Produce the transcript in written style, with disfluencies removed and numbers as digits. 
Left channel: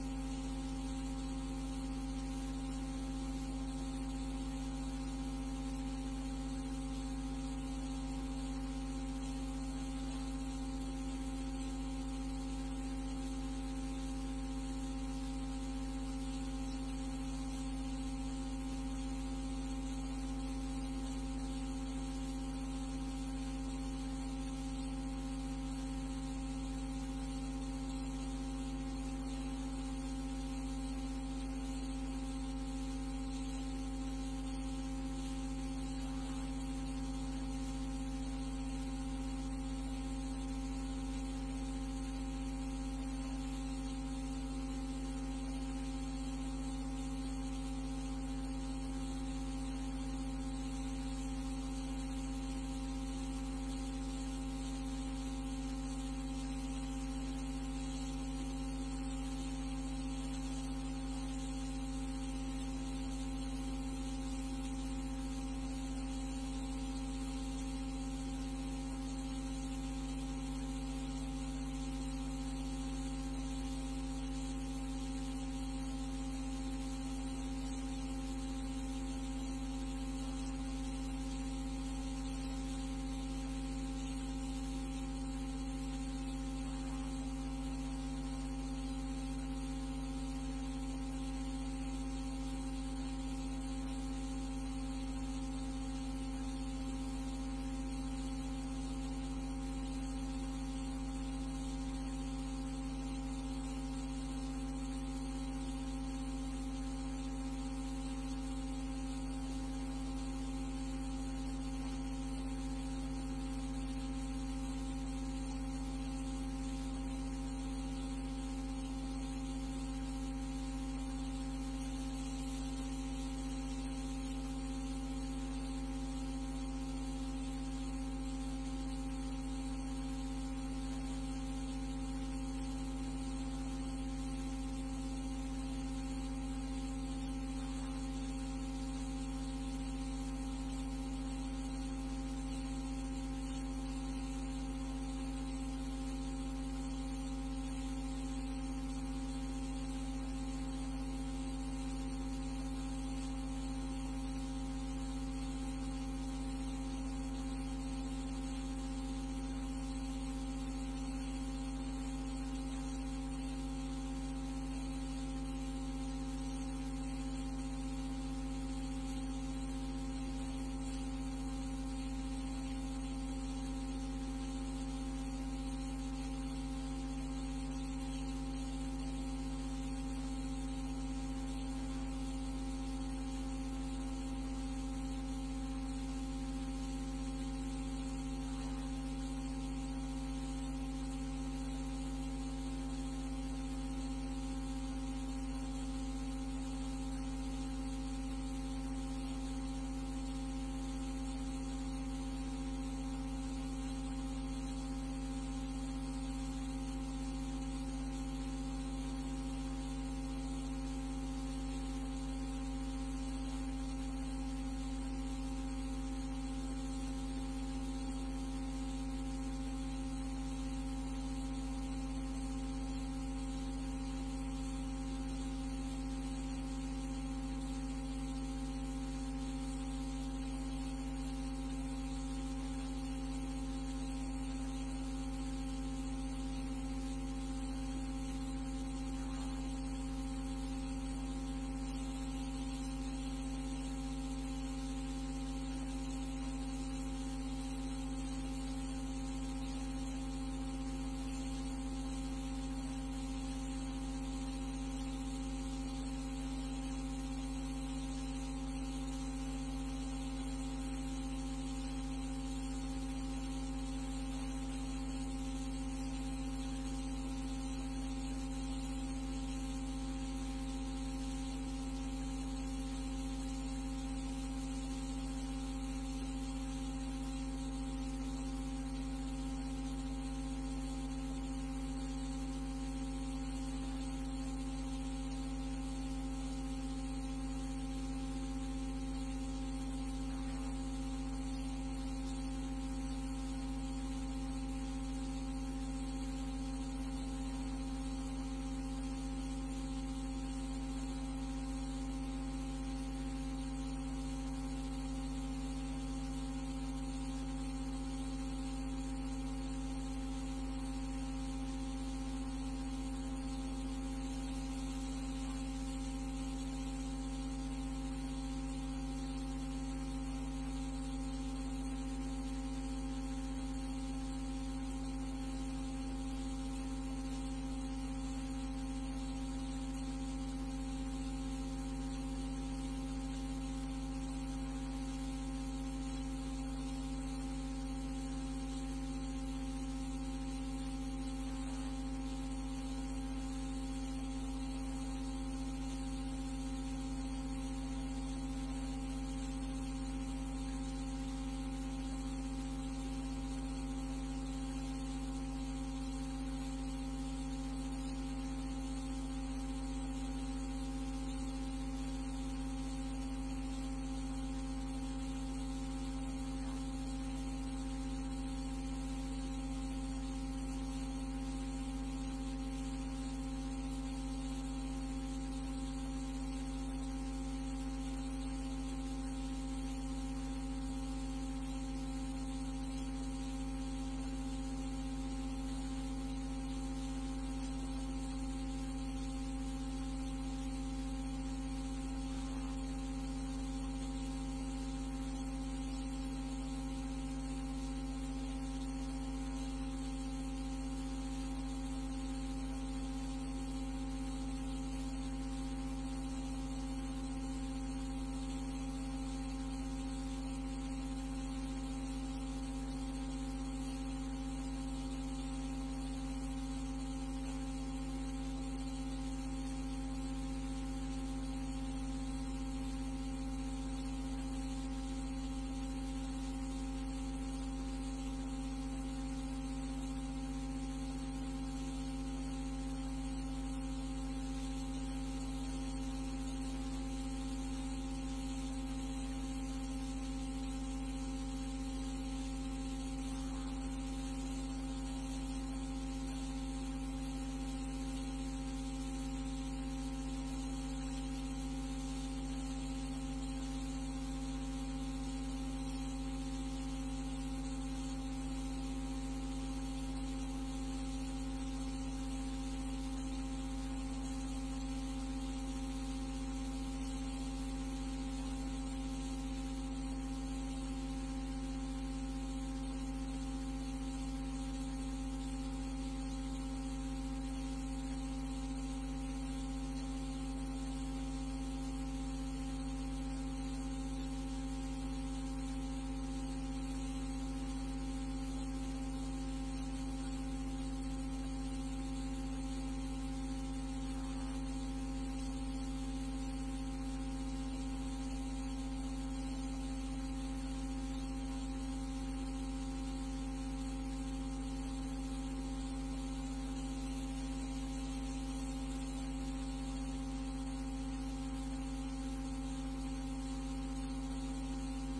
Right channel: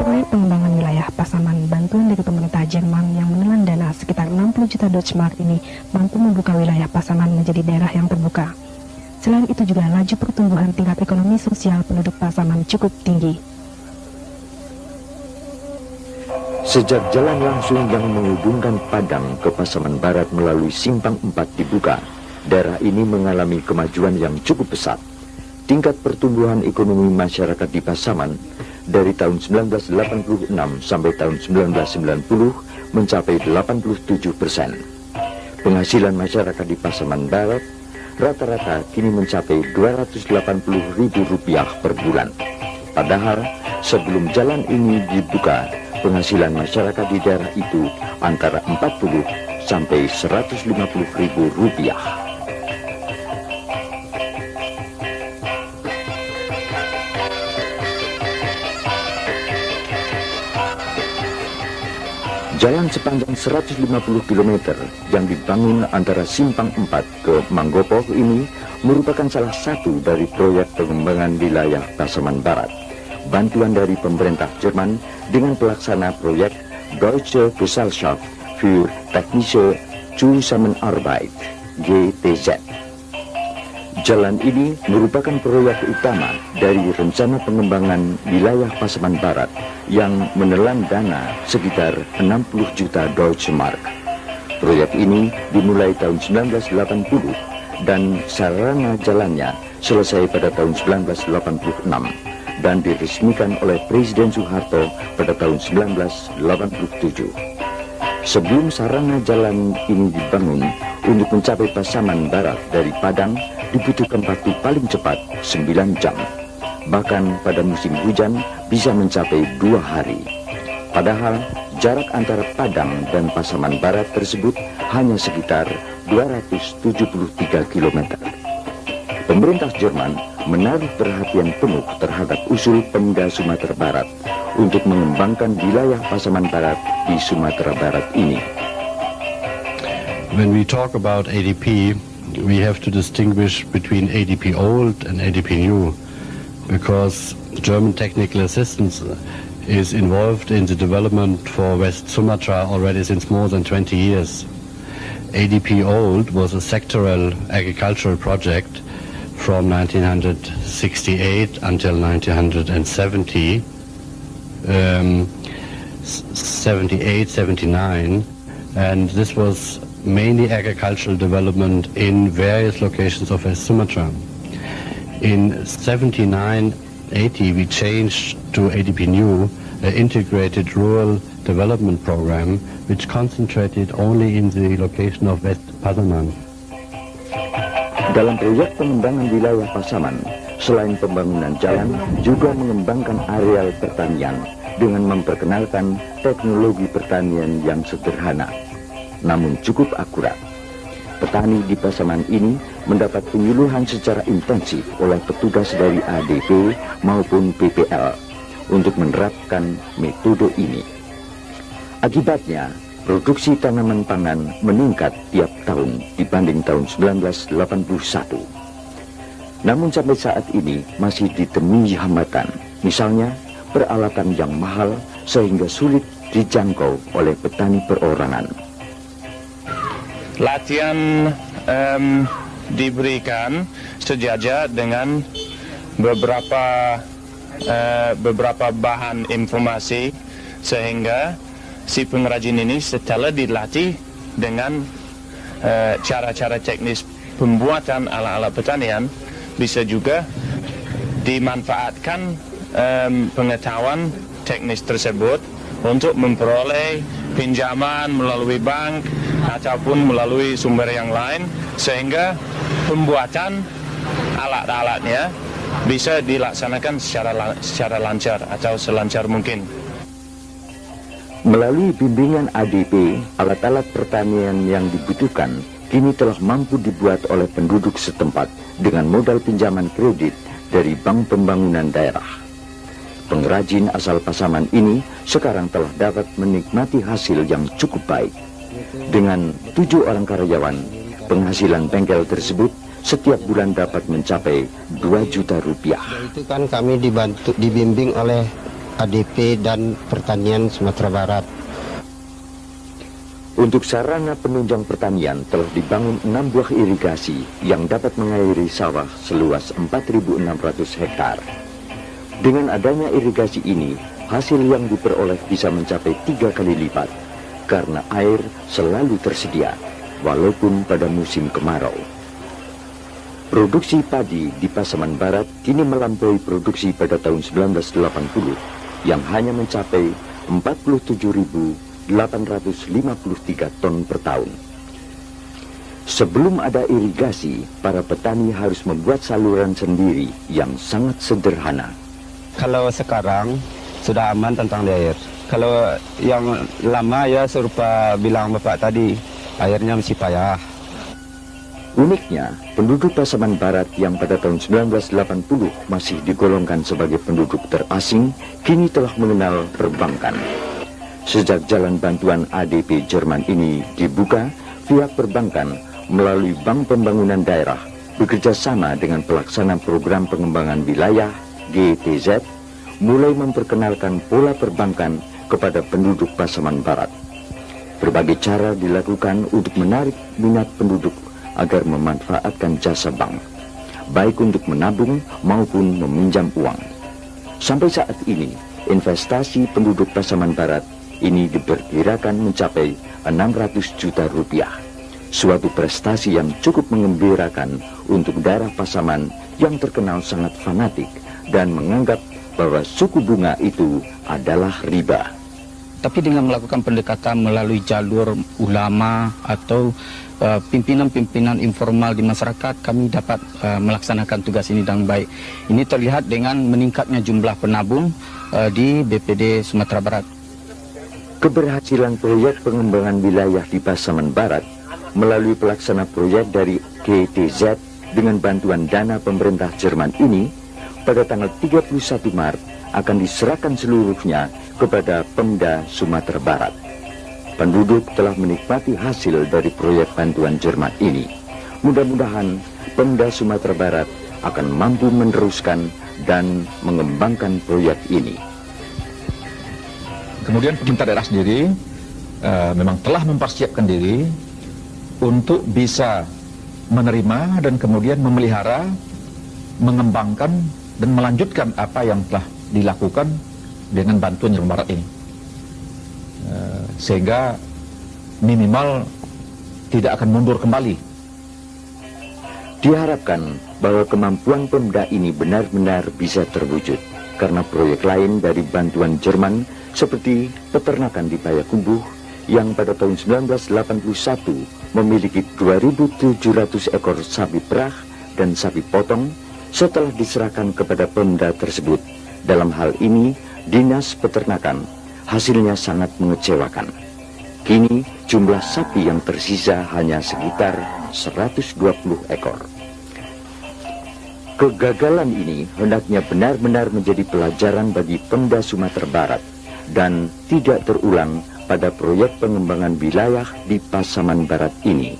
Proyek pengembangan wilayah Pasaman bantuan dari pemerintah Jerman yang menelan dana sekitar 60 juta Deutschmark ini mampu membuka wilayah Pasaman menjadi daerah yang terbuka. Selain itu juga laju pertumbuhan tingkat ekonomi sosial penduduk Pasaman cukup tinggi. Sejak jalan langsung yang menghubungkan Padang ke Pasaman Barat melalui Simpang 4 dibuka, daerah ini mengalami kemajuan yang cukup pesat. Tingkat pertumbuhan ekonomi masyarakat di Pasaman dari tahun 1986 sampai tahun 1990 mencapai 87%. Penghasilan masyarakat di Pasaman Barat rata-rata kini mencapai Rp280.000 per bulan. Padahal sebelum jalan ini dibuka, penghasilan masyarakat di daerah itu antara 40 sampai Rp150.000. Jalan sepanjang 150 km yang dibangun antara Simpang 4 ke Manggopo ini merupakan salah satu dari proyek pengembangan wilayah Pasaman Barat. Bantuan dari pemerintah Jerman dengan pelaksana proyek Deutsche Gesellschaft für Technische Zusammenarbeit (GTZ). Jalan ini merupakan proyek utama dari rencana pengembangan wilayah Pasaman Barat yang menelan dana sekitar 60 juta Deutschmark. Proyek ini dimulai tahun 1980 dan sarana jalannya selesai pada tahun 1986 dan diresmikan oleh Presiden Soeharto pada tahun 1987. Sebelum sarana jalan ini dibangun, untuk mencapai Pasaman Barat dari Padang dibutuhkan waktu paling cepat 9 jam. Bahkan pada musim hujan bisa mencapai 2 hari. Padahal jarak antara Padang dan Pasaman Barat tersebut hanya sekitar 273 km. Pemerintah Jerman menaruh perhatian penuh terhadap usul Pemda Sumatera Barat untuk mengembangkan wilayah Pasaman Barat di Sumatera Barat ini. When we talk about ADP, we have to distinguish between ADP old and ADP new, because German technical assistance is involved in the development for West Sumatra already since more than 20 years. ADP old was a sectoral agricultural project from 1968 until 1970, 78, 79, and this was mainly agricultural development in various locations of West Sumatra. In 79, 80 we changed to ADP New, an integrated rural development program which concentrated only in the location of West Pasaman. Dalam proyek pengembangan wilayah Pasaman, selain pembangunan jalan, juga mengembangkan areal pertanian dengan memperkenalkan teknologi pertanian yang sederhana, namun cukup akurat. Petani di Pasaman ini mendapat penyuluhan secara intensif oleh petugas dari ADP maupun PPL untuk menerapkan metode ini. Akibatnya, produksi tanaman pangan meningkat tiap tahun dibanding tahun 1981. Namun sampai saat ini masih ditemui hambatan, misalnya peralatan yang mahal sehingga sulit dijangkau oleh petani perorangan. Latihan diberikan sejajar dengan beberapa bahan informasi sehingga si pengrajin ini setelah dilatih dengan cara-cara teknis pembuatan alat-alat pertanian bisa juga dimanfaatkan pengetahuan teknis tersebut untuk memperoleh pinjaman melalui bank ataupun melalui sumber yang lain sehingga pembuatan alat-alatnya bisa dilaksanakan secara lancar atau selancar mungkin. Melalui bimbingan ADP, alat-alat pertanian yang dibutuhkan kini telah mampu dibuat oleh penduduk setempat dengan modal pinjaman kredit dari Bank Pembangunan Daerah. Pengrajin asal Pasaman ini sekarang telah dapat menikmati hasil yang cukup baik. Dengan 7 orang karyawan, penghasilan bengkel tersebut setiap bulan dapat mencapai 2 juta rupiah. Itu kan kami dibimbing oleh ADP dan Pertanian Sumatera Barat. Untuk sarana penunjang pertanian telah dibangun 6 buah irigasi yang dapat mengairi sawah seluas 4.600 hektar. Dengan adanya irigasi ini, hasil yang diperoleh bisa mencapai 3 kali lipat karena air selalu tersedia, walaupun pada musim kemarau. Produksi padi di Pasaman Barat kini melampaui produksi pada tahun 1980 yang hanya mencapai 47.853 ton per tahun. Sebelum ada irigasi, para petani harus membuat saluran sendiri yang sangat sederhana. Kalau sekarang sudah aman tentang air. Kalau yang lama ya serupa bilang Bapak tadi, airnya masih payah. Uniknya, penduduk Pasaman Barat yang pada tahun 1980 masih digolongkan sebagai penduduk terasing, kini telah mengenal perbankan. Sejak jalan bantuan ADP Jerman ini dibuka, pihak perbankan melalui Bank Pembangunan Daerah bekerja sama dengan pelaksana program pengembangan wilayah GTZ mulai memperkenalkan pola perbankan kepada penduduk Pasaman Barat. Berbagai cara dilakukan untuk menarik minat penduduk agar memanfaatkan jasa bank, baik untuk menabung maupun meminjam uang. Sampai saat ini, investasi penduduk Pasaman Barat ini diperkirakan mencapai 600 juta rupiah. Suatu prestasi yang cukup mengembirakan untuk daerah Pasaman yang terkenal sangat fanatik dan menganggap bahwa suku bunga itu adalah riba. Tapi dengan melakukan pendekatan melalui jalur ulama atau pimpinan-pimpinan informal di masyarakat, kami dapat melaksanakan tugas ini dengan baik. Ini terlihat dengan meningkatnya jumlah penabung di BPD Sumatera Barat. Keberhasilan proyek pengembangan wilayah di Pasaman Barat melalui pelaksana proyek dari GTZ dengan bantuan dana pemerintah Jerman ini pada tanggal 31 Maret akan diserahkan seluruhnya kepada Pemda Sumatera Barat. Penduduk telah menikmati hasil dari proyek bantuan Jerman ini. Mudah-mudahan Pemda Sumatera Barat akan mampu meneruskan dan mengembangkan proyek ini. Kemudian pemerintah daerah sendiri memang telah mempersiapkan diri untuk bisa menerima dan kemudian memelihara, mengembangkan dan melanjutkan apa yang telah dilakukan dengan bantuan Jerman Barat ini. Sehingga minimal tidak akan mundur kembali. Diharapkan bahwa kemampuan Pemda ini benar-benar bisa terwujud karena proyek lain dari bantuan Jerman seperti peternakan di Payakumbuh yang pada tahun 1981 memiliki 2.700 ekor sapi perah dan sapi potong setelah diserahkan kepada Pemda tersebut. Dalam hal ini, Dinas Peternakan hasilnya sangat mengecewakan. Kini jumlah sapi yang tersisa hanya sekitar 120 ekor. Kegagalan ini hendaknya benar-benar menjadi pelajaran bagi Pemda Sumatera Barat dan tidak terulang pada proyek pengembangan wilayah di Pasaman Barat ini.